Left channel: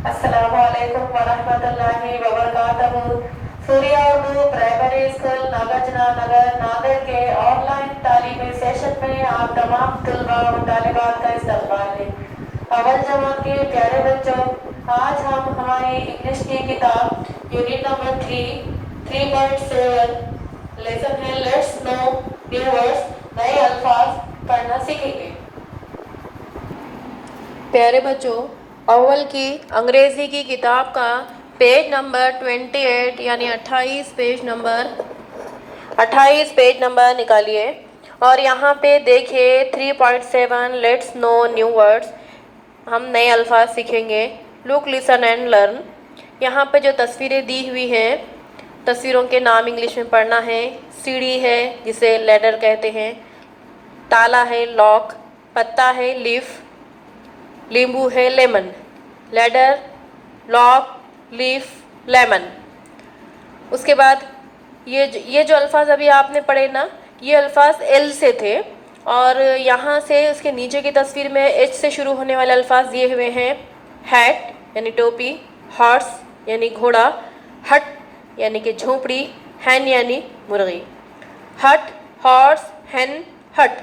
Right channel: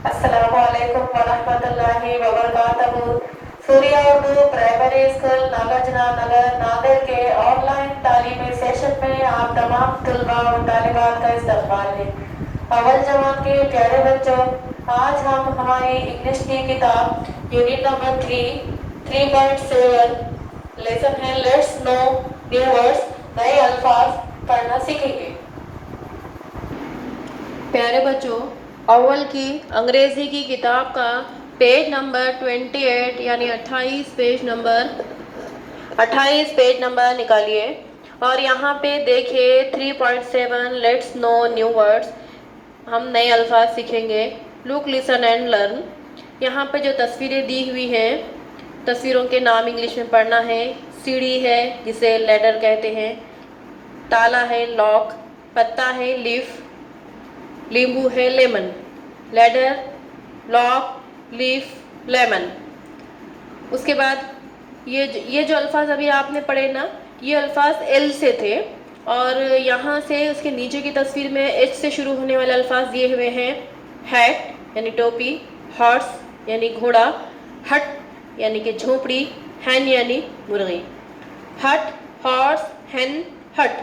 अस्सलामुअलैकुम वरहमतुल्लाहि वबरकातुहू। Surya Urdu primary school Nagarjuna नगर नागड़ के ऑनलाइन तालीमी सेशन में आप तमाम तलबा और तालिबात का इस्तकबाल है। अव्वल जमात के प्यारे बच्चों, आज हम हमारी इंग्लिश की किताब यूनिट नंबर 3.7 लेसन है लेट्स नो न्यू वर्ड्स, नए अल्फाज पढ़ना सीखेंगे। प्यारे बच्चों, अव्वल की अंग्रेज़ी की किताब का पेज नंबर 28 यानी 28 पेज नंबर निकालिए और यहाँ पे देखिए 3.7 लेट्स नो न्यू वर्ड्स, हम नए अल्फाज सीखेंगे। Look listen and learn. यहाँ पे जो तस्वीरें दी हुई हैं, तस्वीरों के नाम इंग्लिश में पढ़ना है। सीढ़ी है जिसे लैडर कहते हैं, ताला है लॉक, पत्ता है लीफ, नींबू है lemon. Ladder, lock, leaf, lemon. उसके बाद ये जो अल्फाज अभी आपने पढ़े ना, ये अल्फाज एल से थे और यहाँ से उसके नीचे की तस्वीर में एच से शुरू होने वाले अल्फाज दिए हुए हैं। हैट यानी टोपी, हॉर्स यानी घोड़ा, हट यानी कि झोपड़ी, हैन यानी मुर्गी। हट, हॉर्स, हैन, हट।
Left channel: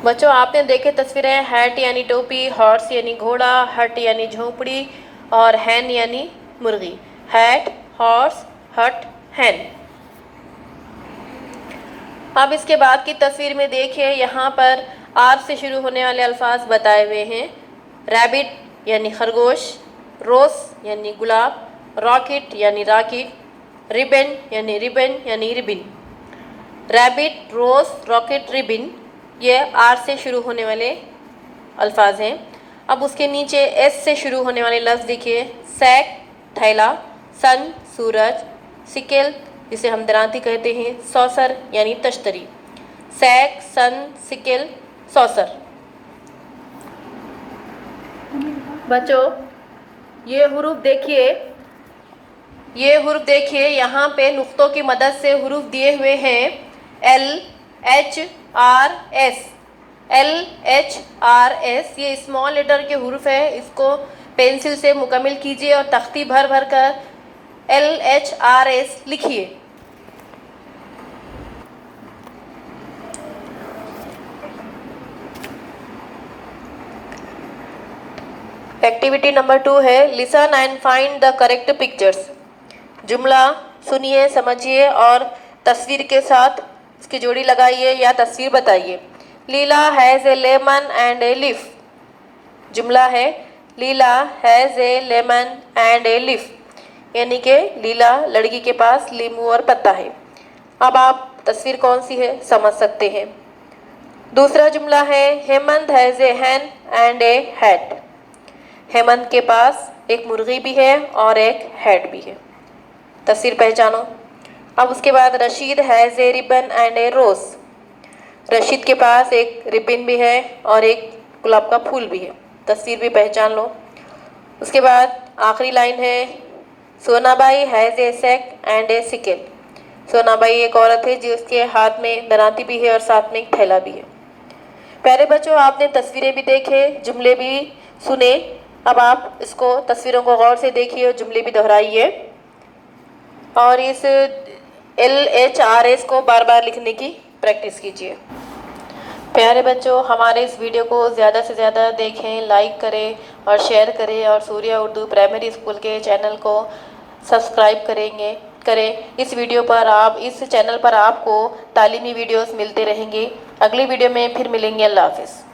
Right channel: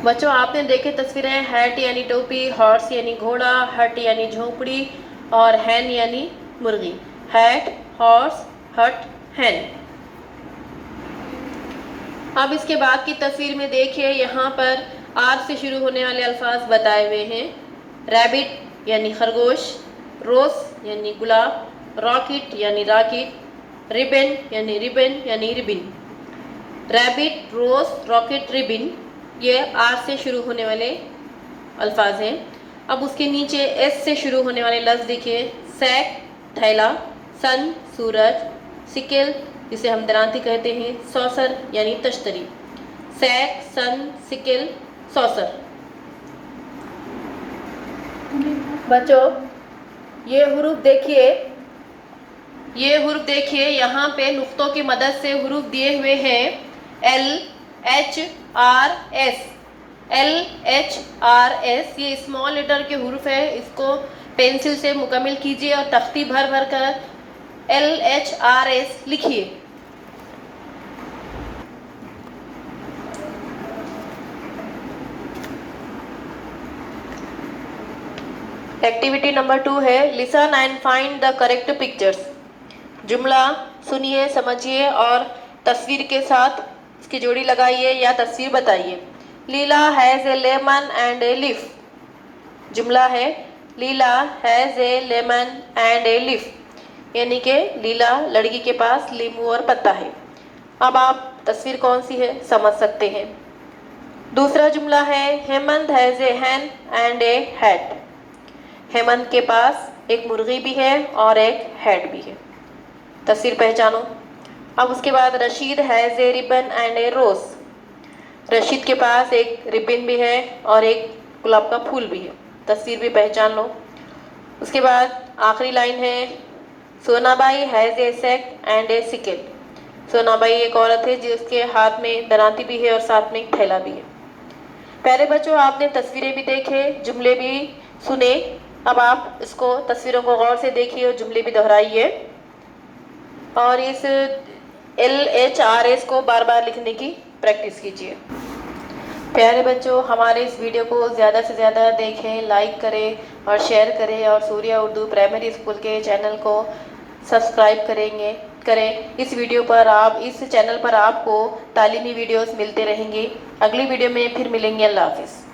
बच्चों, आपने देखे तस्वीरें, हैट यानी टोपी, हॉर्स यानी घोड़ा, हट यानी झोपड़ी और हैन यानी मुर्गी। हैट, हॉर्स, हट, हैन। अब इसके बाद की तस्वीर में देखिए, यहाँ पर आर से शुरू होने वाले अल्फाज बताए हुए हैं। रैबिट यानी खरगोश, रोज यानी गुलाब, रॉकेट यानी राकेट, रिबन यानी रिबिन। रैबिट, रोज, रॉकेट, रिबिन, ये आर से शुरू होने वाले अल्फाज हैं। अब उसके नीचे एस से शुरू होने वाले लफ्ज़ देखिए। सैक थैला, सन सूरज, सिकेल जिसे हम दरांती कहते हैं, सौसर यानी तश्तरी। सैक, सन, सिकेल, सौसर। बच्चों, ये हुरूफ देखिए, यहाँ पे नुक्तों की मदद से हुरूफ दिए हुए हैं। L H R S, L H R S, ये स्मॉल लेटर के हुरूफ है। इसको पेंसिल से मुकम्मल कीजिए और तख्ती भर भर कर एल एच आर एस लिखिए। एक्टिविटी नंबर 2 है listen and find the correct pictures. जुमला सुनिए, समझिए और तस्वीर के साथ इसकी जोड़ी लगाइए या तस्वीर बताइए। Leela has a lemon and a leaf. जुमला है Leela has a lemon and a leaf, यानी कि लीला लड़की के पास लींबू और पत्ता है। अब आप तस्वीर कौन सी है समझ सकते हैं। दूसरा जुमला है Hemant has a Hahn and A hat. Hemant के पास एक मुर्गी भी है और एक हैट भी है। तस्वीर पहचानो। अब उसके बाद Rashid has a ribbon and a rose. Rashid के पास एक रिबन भी है और एक गुलाब का फूल भी है। तस्वीर भी पहचान लो। उसके बाद आखिरी लाइन है Sonabai has a sack and a sickle. Sonabai एक औरत है जिसके हाथ में दरांती भी है और साथ में एक थैला भी है। प्यारे बच्चों, आपने तस्वीरें भी देखे, जुमले भी सुने। अब आप इसको तस्वीरों को गौर से देखिए और जुमले भी दोहराइए और इस LHRS को बार बार लिखने की प्रैक्टिस कीजिए। प्यारे बच्चों, हमारे इस वीडियो को ज़्यादा से ज़्यादा देखें, लाइक करें और शेयर करें और सूर्या उर्दू प्राइमरी स्कूल के चैनल को सब्सक्राइब करें। इस चैनल पर आपको तालीमी वीडियोस मिलते रहेंगे। अगली वीडियो में फिर मिलेंगे। अल्लाह हाफिज़।